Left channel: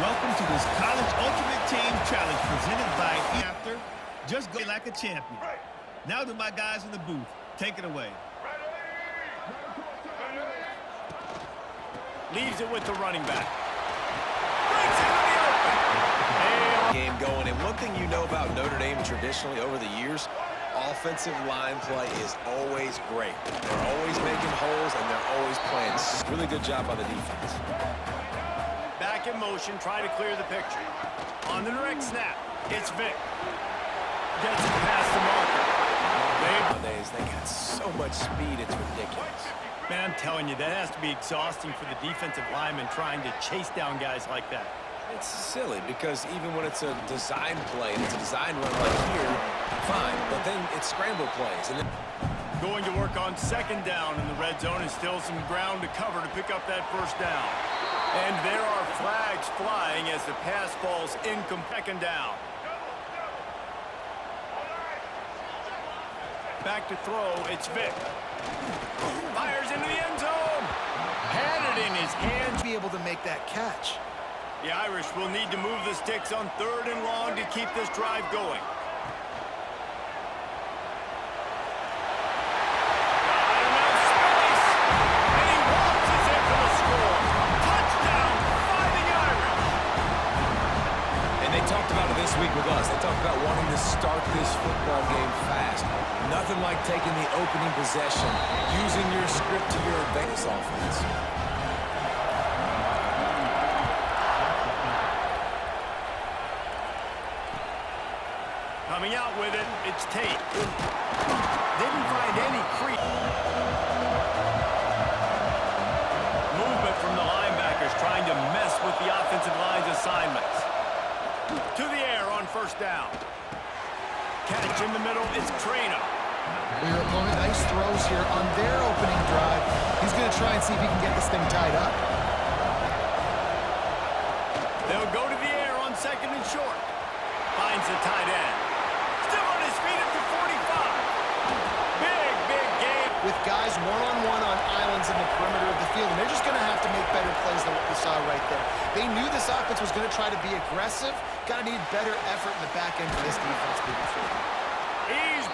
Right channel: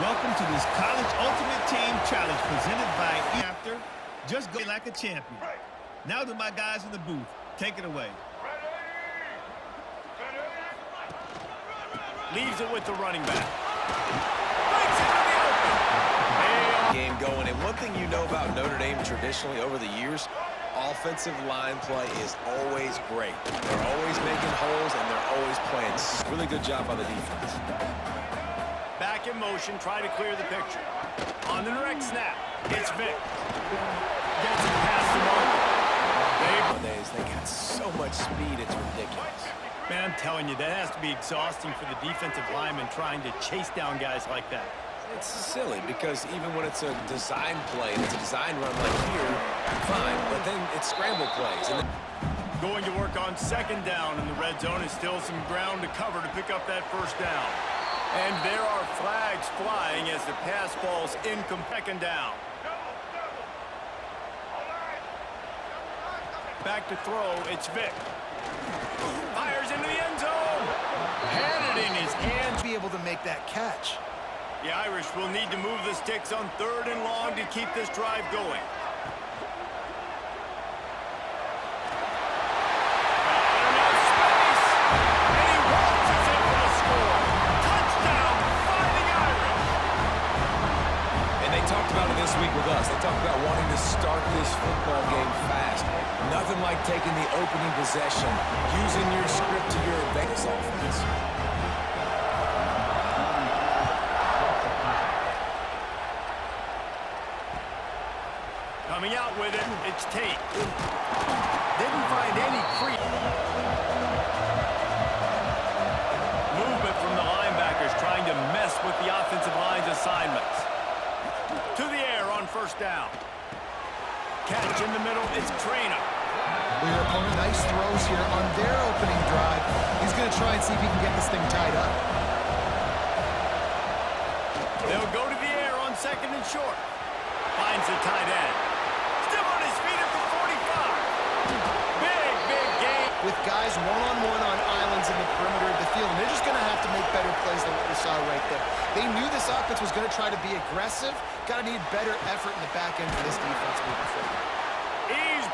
Welcome to this College Ultimate Team Challenge presented by After. Just go like a champion. Now to my guys in the booth. Take it away. Leaves it with the running back. Breaks into the open. Game going. And one thing you know about Notre Dame traditionally over the years, offensive line play is always great. They're always making holes, and they're always playing. Really good job by the defense. Back in motion, try to clear the picture. On the direct snap, it's Vic. Gets it past the marker. Nowadays, they got so much speed, it's ridiculous. Man, I'm telling you, that has to be exhausting for the defensive lineman trying to chase down guys like that. It's silly because even when it's a design play and it's a design run like here, fine, but then it's scramble plays. And then going to work on second down in the red zone is still some ground to cover to pick up that first down. And there are flags flying as the pass falls incomplete. Second down. Back to throw, it's Vic. Fires into the end zone. Had it in his hands. Be able to make that catch. The Irish will need to move the sticks on 3rd and long to keep this drive going. Got enough space. And he waltzes in for the score. Touchdown, Fighting Irish. And they talked about it this week with us. They talked about wanting to start this football game fast. Nothing like taking the opening possession, using your script to your advantage offense. Coming out with it, it's Tate. Didn't find any creep. Movement from the linebackers trying to mess with the offensive line's assignments. To the air on first down. Catch in the middle, it's Traina. Your opponent, nice throws here on their opening drive. He's going to try and see if he can get this thing tied up. They'll go to the air on 2nd and short. Finds the tight end. Still on his feet at the 45. Big game. With guys one-on-one on islands in the perimeter of the field, and they're just going to have to make better plays than what we saw right there. They knew this offense was going to try to be aggressive. Got to need better effort in the back end for this defense moving forward.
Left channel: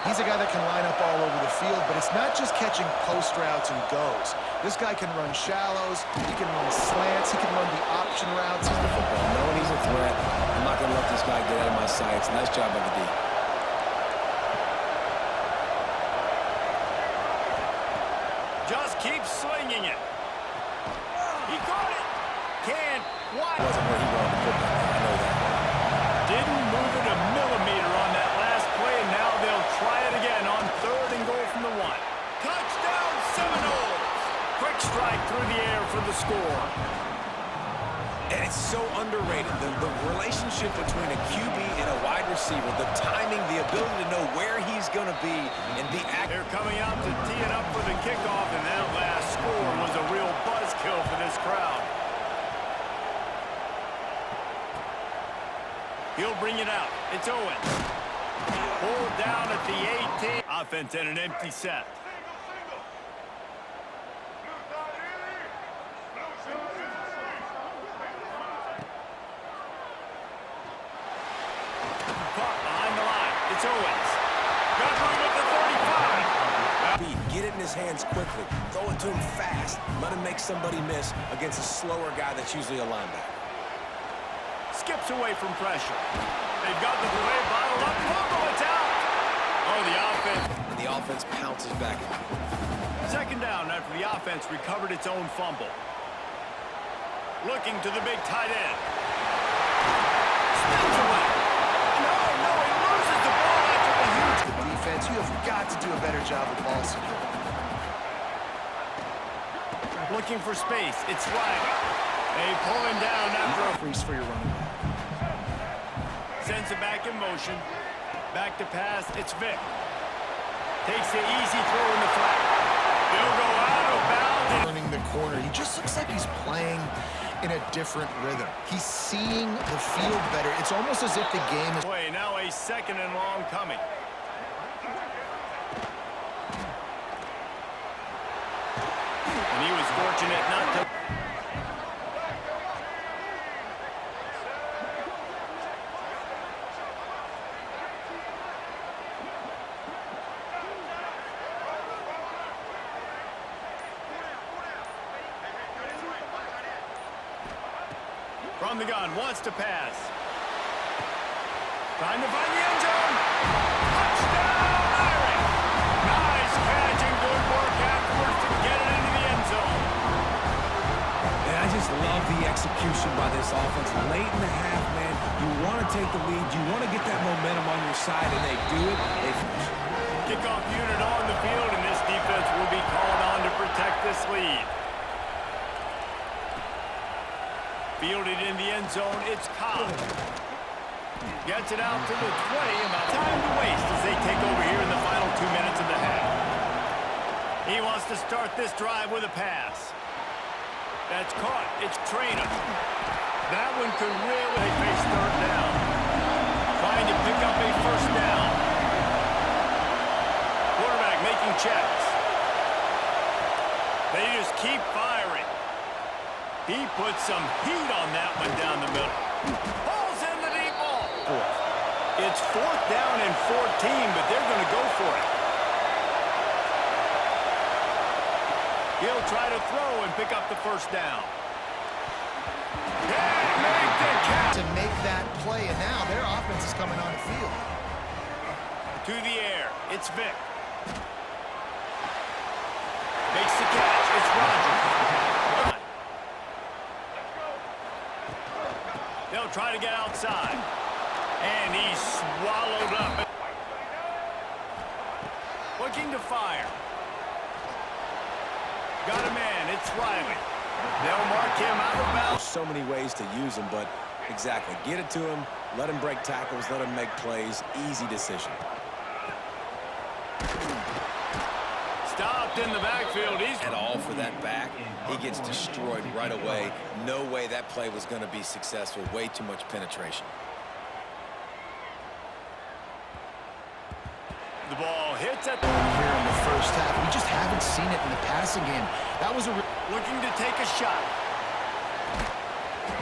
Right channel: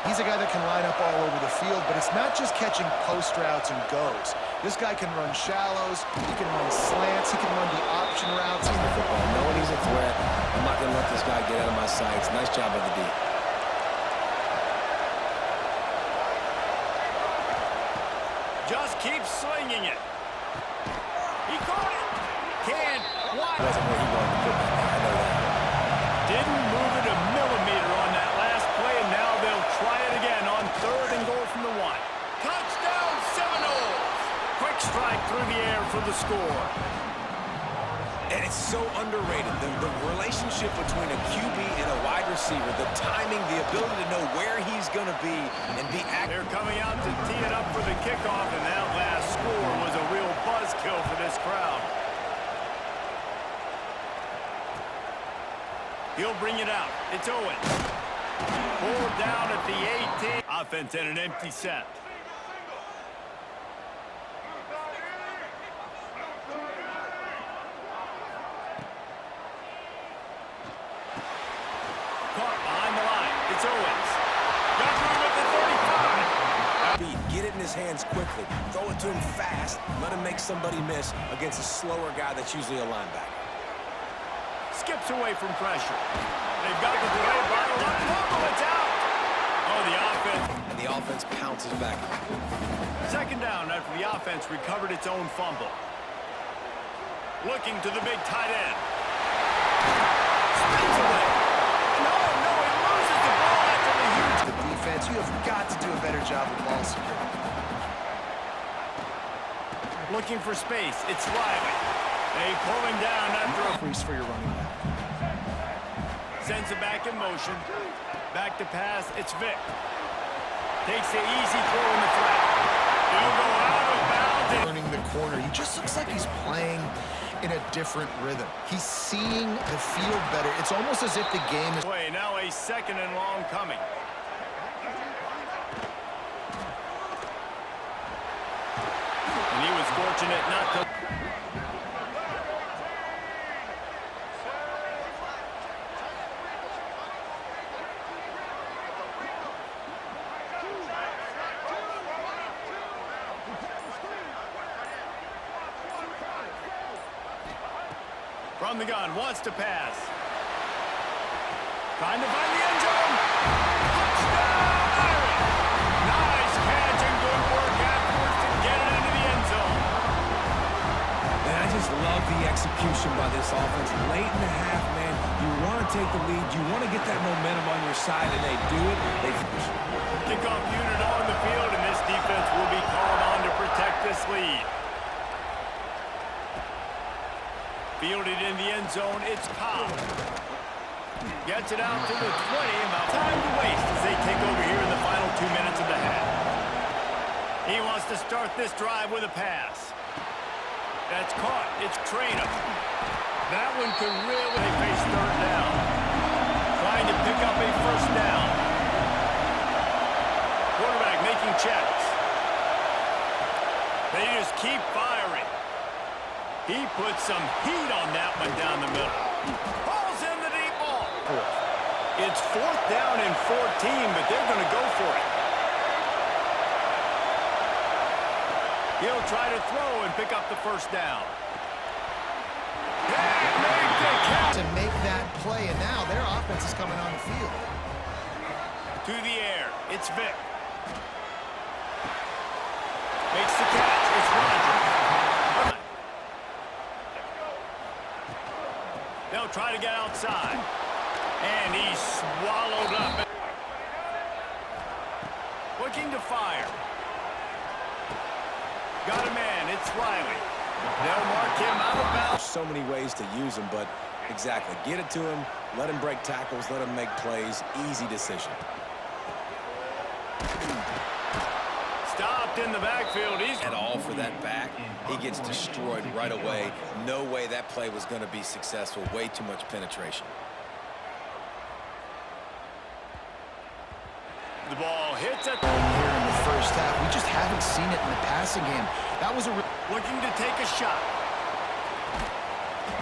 He's a guy that can line up all over the field, but it's not just catching post routes and goes. This guy can run shallows, he can run slants, he can run the option routes. The football, knowing he's a threat, I'm not going to let this guy get out of my sights. Nice job by the D. Just keep slinging it. He caught it. Can't. Why? Wasn't where he wanted to put that. I know that. Didn't move it a millimeter on that last play, and now they'll try it again on 3rd and goal from the 1. Touchdown, Seminoles! Quick strike through the air for the score. And it's so underrated. The relationship between a QB and a wide receiver, the timing, the ability to know where he's going to be and be active. They're coming out to tee it up for the kickoff, and that last score was a real buzzkill for this crowd. He'll bring it out. It's Owens. Pulled down at the 18. Offense and an empty set. Caught behind the line. It's Owens. Got room at the 35. Get it in his hands quickly. Throw it to him fast. Let him make somebody miss against a slower guy that's usually a linebacker. Skips away from pressure. They've got the play bottled up. Fumble, it's out. Oh, the offense. And the offense pounces back. 2nd down after the offense recovered its own fumble. Looking to the big tight end. Spins away. No, he loses the ball after the huge. The defense, you have got to do a better job with ball security. Looking for space. It's Riley. They pull him down after a freeze for your running back. Sends it back in motion. Back to pass. It's Vic. Takes the easy throw in the flat. He'll go out of bounds. Turning the corner. He just looks like he's playing in a different rhythm. He's seeing the field better. It's almost as if the game is... Play now a 2nd and long coming. And he was fortunate not to... From the gun, wants to pass. Trying to find the end zone. Touchdown, Irish! Nice catch and good work afterwards to get it into the end zone. And I just love the execution by this offense. Late in the half, man, you want to take the lead. You want to get that momentum on your side, and they do it. They finish. Kickoff unit on the field, and this defense will be called on to protect this lead. Fielded in the end zone, it's Cobb. Gets it out to the 20, about time to waste as they take over here in the final 2 minutes of the half. He wants to start this drive with a pass. That's caught, it's Trainer. That one could really face third down. Trying to pick up a first down. Quarterback making checks. They just keep firing. He put some heat on that one down the middle. Ball's in the deep ball. It's 4th down and 14, but they're going to go for it. He'll try to throw and pick up the first down. Can't make the catch. To make that play, and now their offense is coming on the field. To the air, it's Vic. Makes the catch, it's Rodgers. They'll try to get outside. And he's swallowed up. Looking to fire. Got a man, it's Riley. They'll mark him out of bounds. So many ways to use him, but exactly. Get it to him, let him break tackles, let him make plays. Easy decision. Stopped in the backfield. He's At all for that back. He gets destroyed right away. No way that play was going to be successful. Way too much penetration. The ball hits at the... Here in the first half, we just haven't seen it in the passing game. That was a... Looking to take a shot.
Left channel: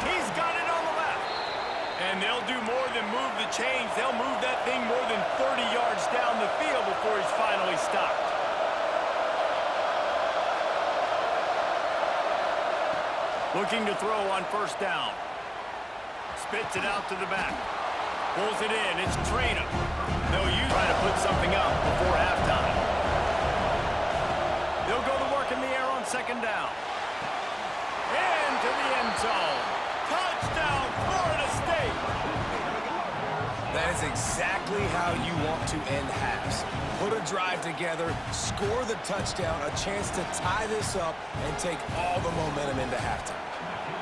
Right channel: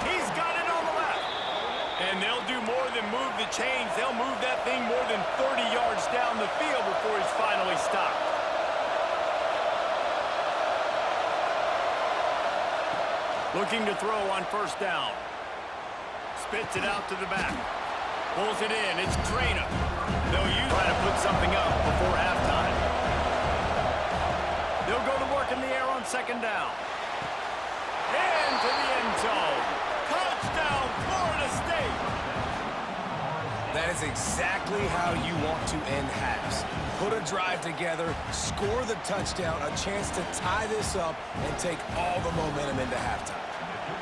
He's got it on the left. And they'll do more than move the chains. They'll move that thing more than 30 yards down the field before he's finally stopped. Looking to throw on first down. Spits it out to the back. Pulls it in. It's Trainer. They'll use trying to put something up before halftime. They'll go to work in the air on second down. Into the end zone. Touchdown, Florida State. That is exactly how you want to end halves. Put a drive together, score the touchdown, a chance to tie this up, and take all the momentum into halftime.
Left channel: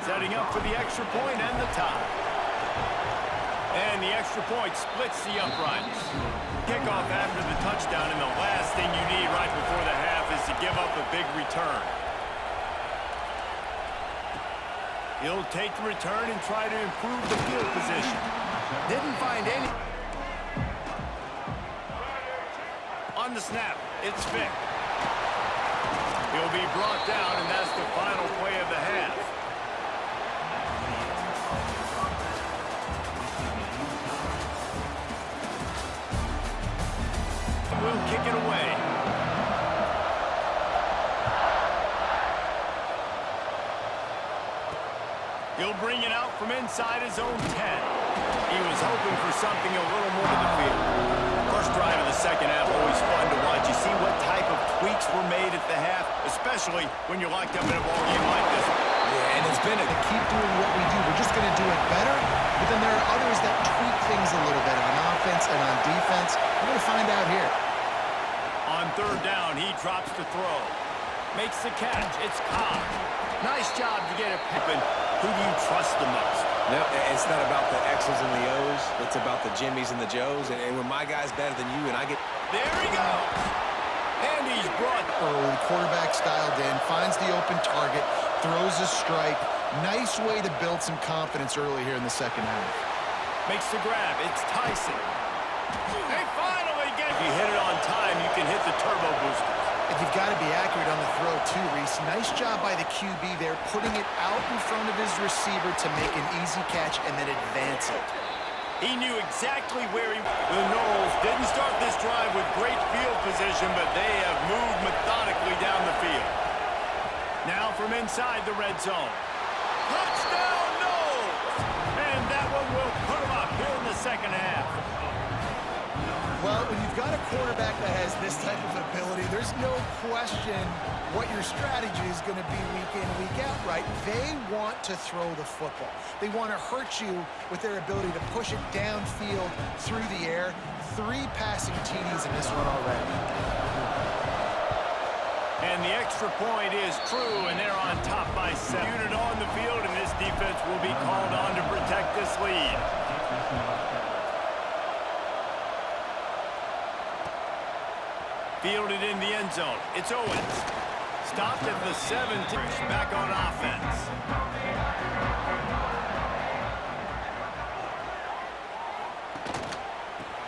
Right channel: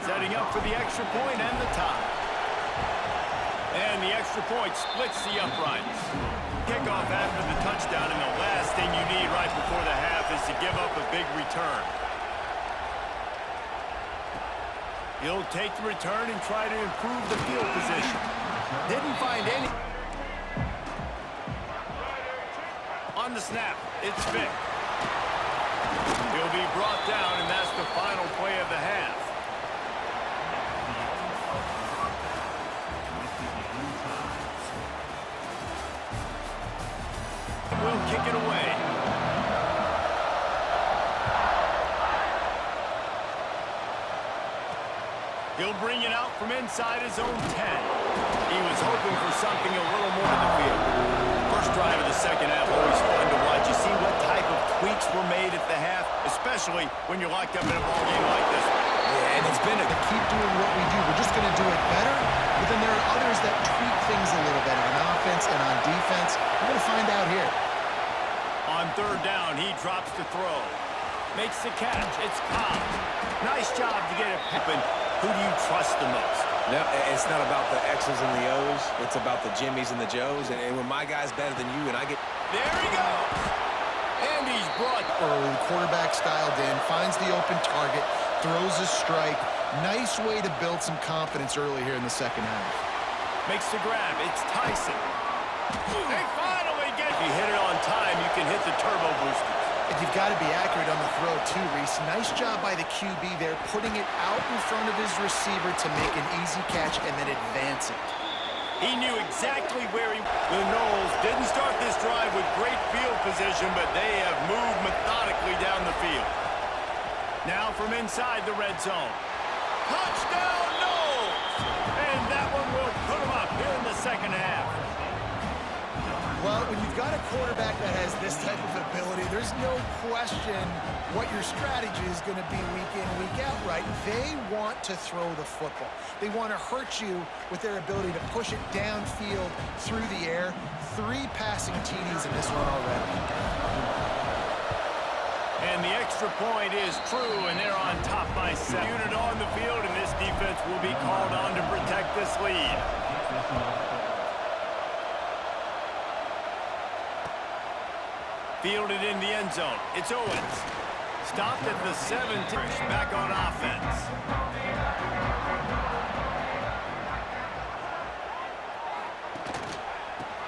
Setting up for the extra point and the tie. And the extra point splits the uprights. Kickoff after the touchdown, and the last thing you need right before the half is to give up a big return. He'll take the return and try to improve the field position. Didn't find any. On the snap, it's Vic. He'll be brought down, and that's the final play of the half. Will kick it away. He'll bring it out from inside his own 10. He was hoping for something a little more to the field. First drive of the second half, always fun to watch. You see what type of tweaks were made at the half, especially when you're locked up in a ball game like this. Yeah, and it's been To keep doing what we do, we're just going to do it better. But then there are others that tweak things a little bit on offense and on defense. We're going to find out here. On third down, he drops to throw. Makes the catch. It's Cobb. Nice job to get it open. Who do you trust the most? No, it's not about the X's and the O's. It's about the Jimmys and the Joes. And when my guy's better than you and I get... There he goes. And he's brought Early, the quarterback styled in, finds the open target, throws a strike. Nice way to build some confidence early here in the second half. Makes the grab. It's Tyson. They finally get... If you hit it on time, you can hit the turbo boosters. And you've got to be accurate on the throw, too, Reese. Nice job by the QB there, putting it out in front of his receiver to make an easy catch and then advance it. He knew exactly where he... The Noles didn't start this drive with great field position, but they have moved methodically down the field. Now from inside the red zone. Touchdown, Noles! second half. Well, when you've got a quarterback that has this type of ability, there's no question what your strategy is going to be week in, week out, right? They want to throw the football. They want to hurt you with their ability to push it downfield through the air. 3 passing TDs in this one already. And the extra point is true, and they're on top by 7. Unit on the field, and this defense will be called on to protect this lead. Fielded in the end zone. It's Owens. Stopped at the 17. Back on offense.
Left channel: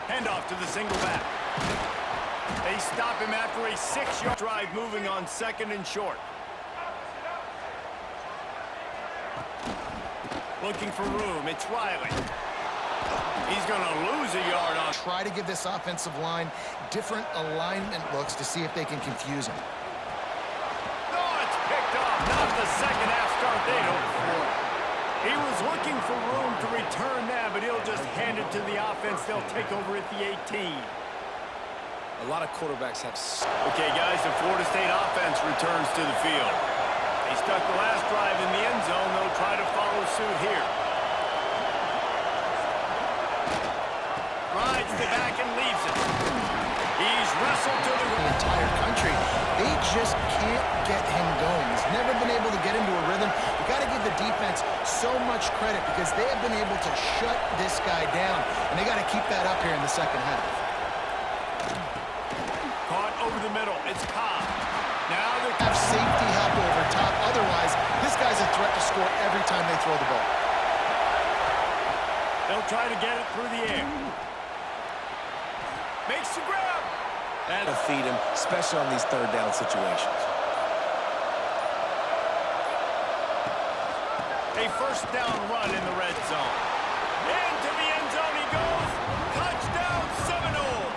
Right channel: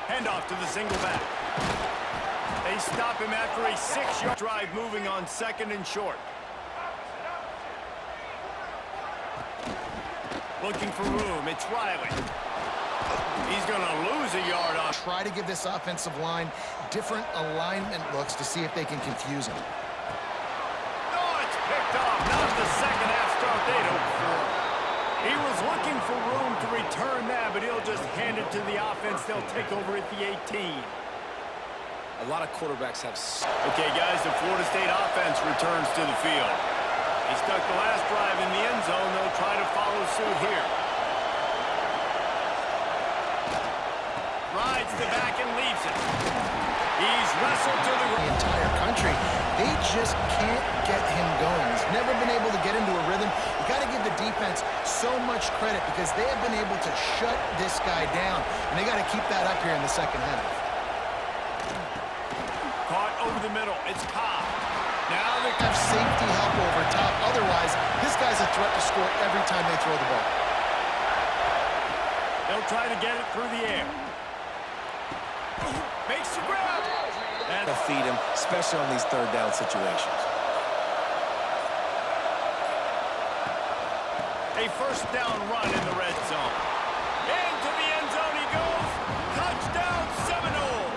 Handoff to the single back. They stop him after a 6-yard drive, moving on 2nd and short. Looking for room. It's Riley. He's going to lose a yard on. Try to give this offensive line different alignment looks to see if they can confuse him. Oh, it's picked off. Not the second half start they'd hoped for. He was looking for room to return that, but he'll just hand it to the offense. They'll take over at the 18. A lot of quarterbacks have... Okay, guys, the Florida State offense returns to the field. They stuck the last drive in the end zone. They'll try to follow suit here. Rides the back and leaves it. He's wrestled to the entire country. They just can't get him going. He's never been able to get into a rhythm. You got to give the defense so much credit because they have been able to shut this guy down, and they got to keep that up here in the second half. Caught over the middle. It's Cobb. Now they have safety help over top. Otherwise, this guy's a threat to score every time they throw the ball. They'll try to get it through the air. Makes the grab. And to feed him, especially on these 3rd down situations. A 1st down run in the red zone. Into the end zone he goes. Touchdown, Seminoles.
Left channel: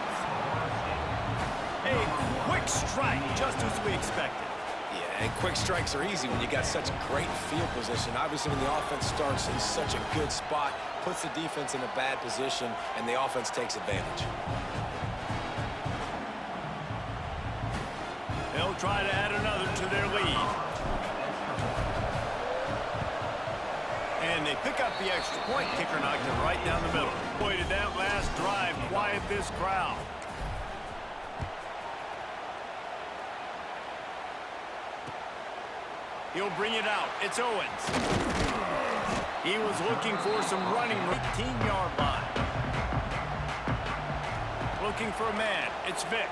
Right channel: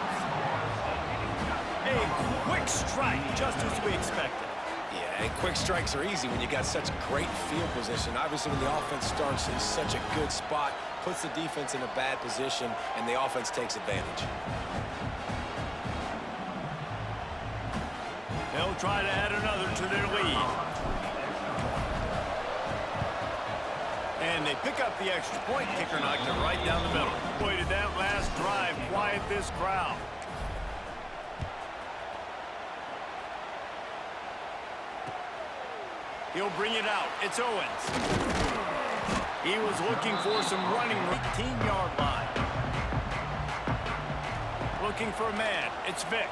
A quick strike, just as we expected. Yeah, and quick strikes are easy when you got such great field position. Obviously, when the offense starts in such a good spot, puts the defense in a bad position, and the offense takes advantage. They'll try to add another to their lead. And they pick up the extra point. Kicker knocked it right down the middle. Boy, did that last drive quiet this crowd. He'll bring it out. It's Owens. He was looking for some running. 18-yard line. Looking for a man. It's Vick.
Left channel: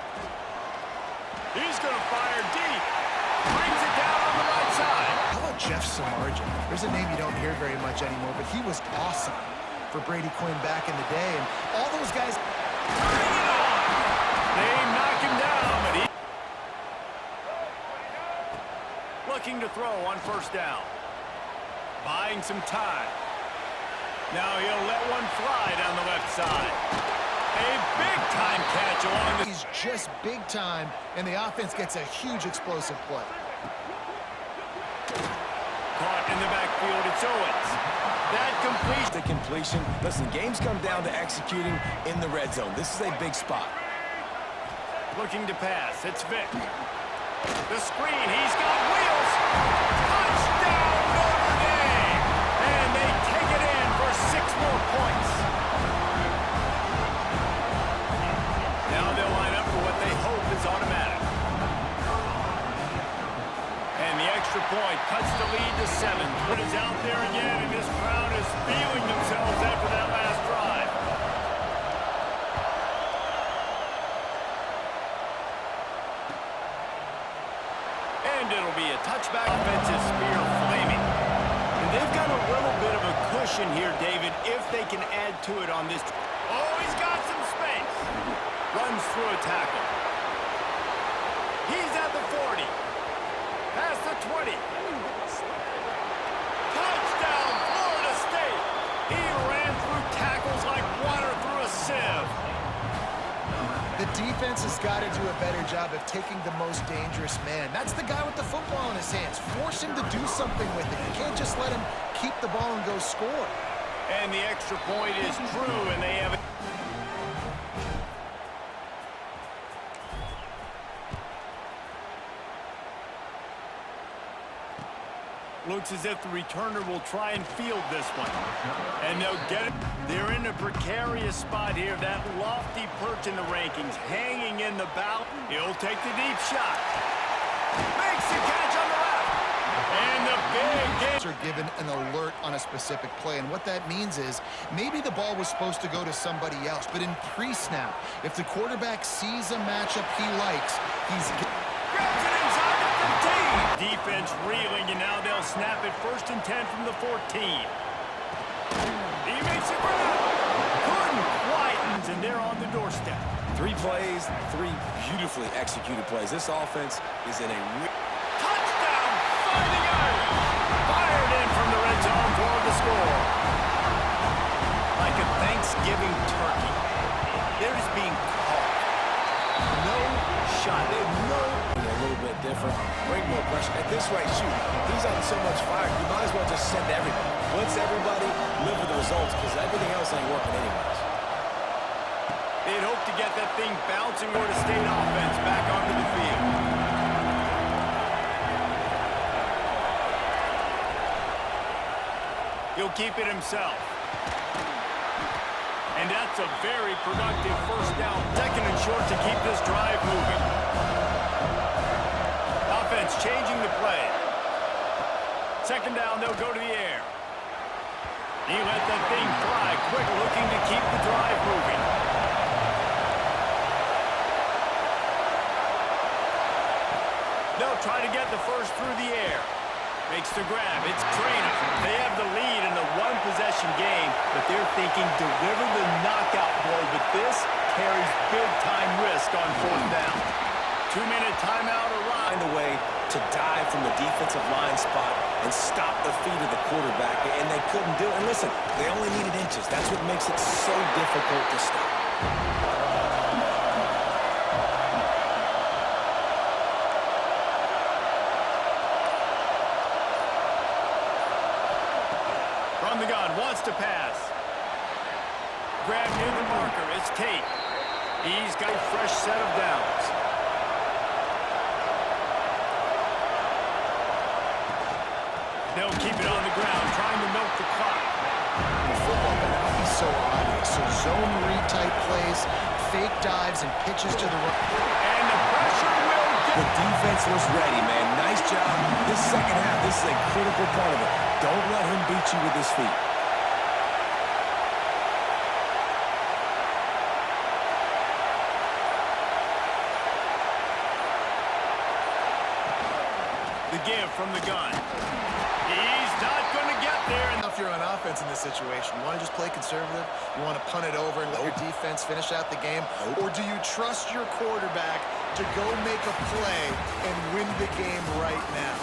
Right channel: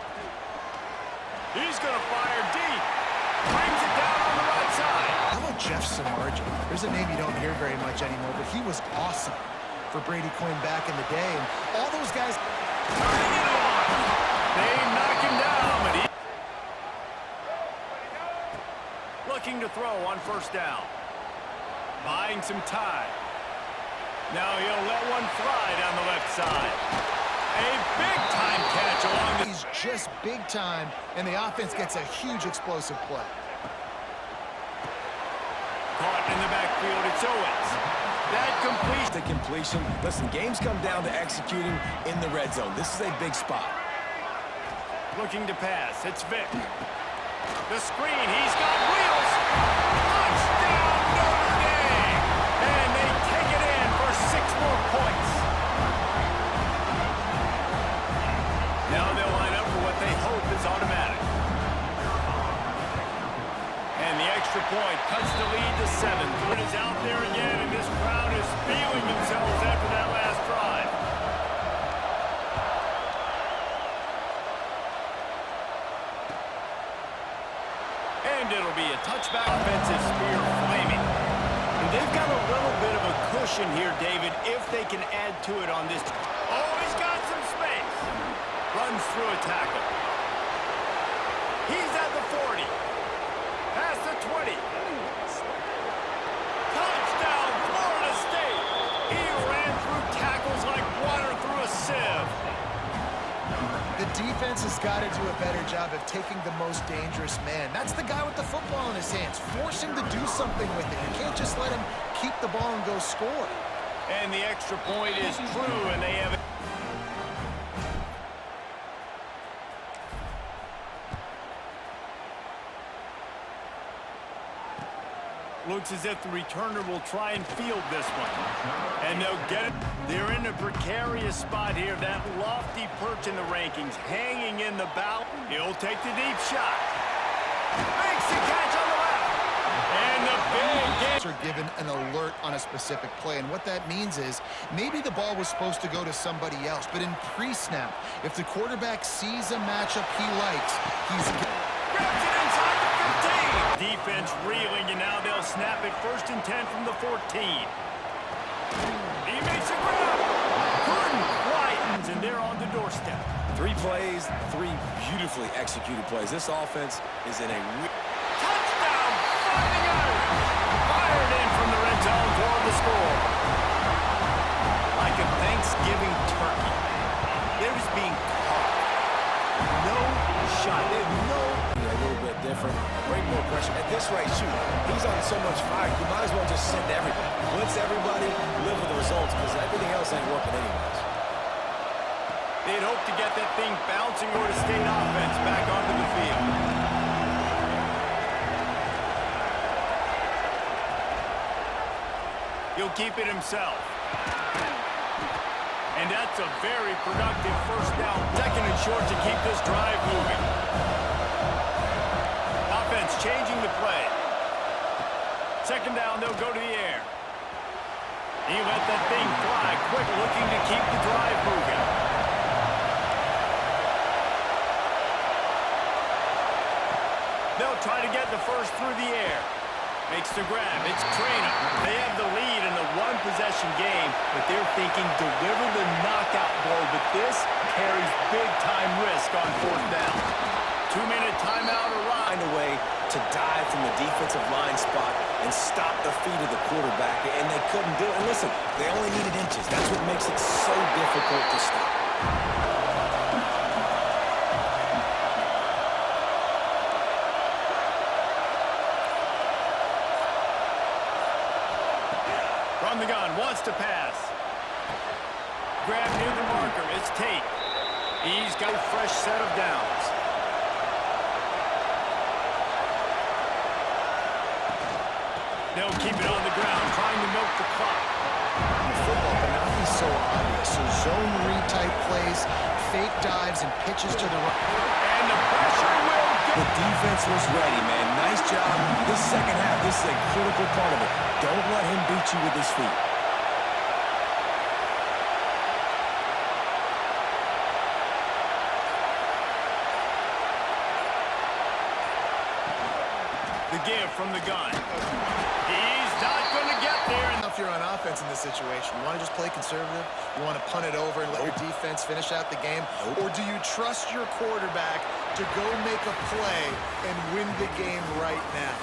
He's going to fire deep. Brings it down on the right side. How about Jeff Samardzija? There's a name you don't hear very much anymore, but he was awesome for Brady Quinn back in the day. And all those guys... Turning it on. They knock him down, but he... Looking to throw on 1st down. Buying some time. Now he'll let one fly down the left side. A big-time catch along the... He's just big time, and the offense gets a huge explosive play. Caught in the backfield, it's Owens. That completion. The completion. Listen, games come down to executing in the red zone. This is a big spot. Looking to pass, it's Vick. The screen, he's got wheels. Touchdown, Notre Dame! And they take it in for 6 more points. Now they'll line up for what they hope is automatic. And the extra point cuts the lead to 7. It is out there again, and this crowd is feeling themselves after that last drive. And it'll be a touchback. Offensive spear flaming. And they've got a little bit of a cushion here, David, if they can add to it on this. Oh, he's got some space. Runs through a tackle. He's at the 40. Past the 20. Touchdown, Florida State. He ran through tackles like water through a sieve. The defense has got to do a better job of taking the most dangerous man. That's the guy with the football in his hands. Force him to do something with it. You can't just let him keep the ball and go score. And the extra point is true, and they have it. Looks as if the returner will try and field this one. And they'll get it. They're in a precarious spot here. That lofty perch in the rankings, hanging in the bow. He'll take the deep shot. Makes the catch on the left. And the big game. Are given an alert on a specific play, and what that means is maybe the ball was supposed to go to somebody else, but in pre-snap, if the quarterback sees a matchup he likes, he's grabs it inside the 15. Defense reeling, and now they'll snap it 1st and 10 from the 14. He makes a grab. Couldn't quite, and they're on the doorstep. 3 plays, 3 beautifully executed plays. This offense is in a touchdown, Fighting Irish. Fired in from the red zone for the score. Like a Thanksgiving turkey. They're just being caught. No shot. They have no... A little bit different. Bring more pressure. At this rate, shoot, he's on so much fire, you might as well just send everybody. Blitz everybody, live with the results, because everything else ain't working anyways. They'd hope to get that thing bouncing Florida State offense back onto the field. He'll keep it himself. And that's a very productive 1st down. 2nd and short to keep this drive moving. Offense changing the play. 2nd down, they'll go to the air. He let that thing fly quick, looking to keep the drive moving. They'll try to get the first through the air. Makes the grab. It's Traina. They have the lead in a 1-possession game, but they're thinking deliver the knockout blow, but this carries big-time risk on 4th down. 2-minute timeout arrives. Find a way to dive from the defensive line spot and stop the feet of the quarterback, and they couldn't do it. And listen, they only needed inches. That's what makes it so difficult to stop. From the gun, wants to pass. Grab near the marker, it's Tate. He's got a fresh set of downs. They'll keep it on the ground, trying to milk the clock. in the football, but not be so obvious. So zone read type plays, fake dives, and pitches to the right. And the pressure will get... The defense was ready, man. Nice job. This 2nd half, this is a critical part of it. Don't let him beat you with his feet. The give from the gun. He's not going to get there. If you're on offense in this situation, you want to just play conservative? You want to punt it over and let your defense finish out the game? Or do you trust your quarterback to go make a play and win the game right now?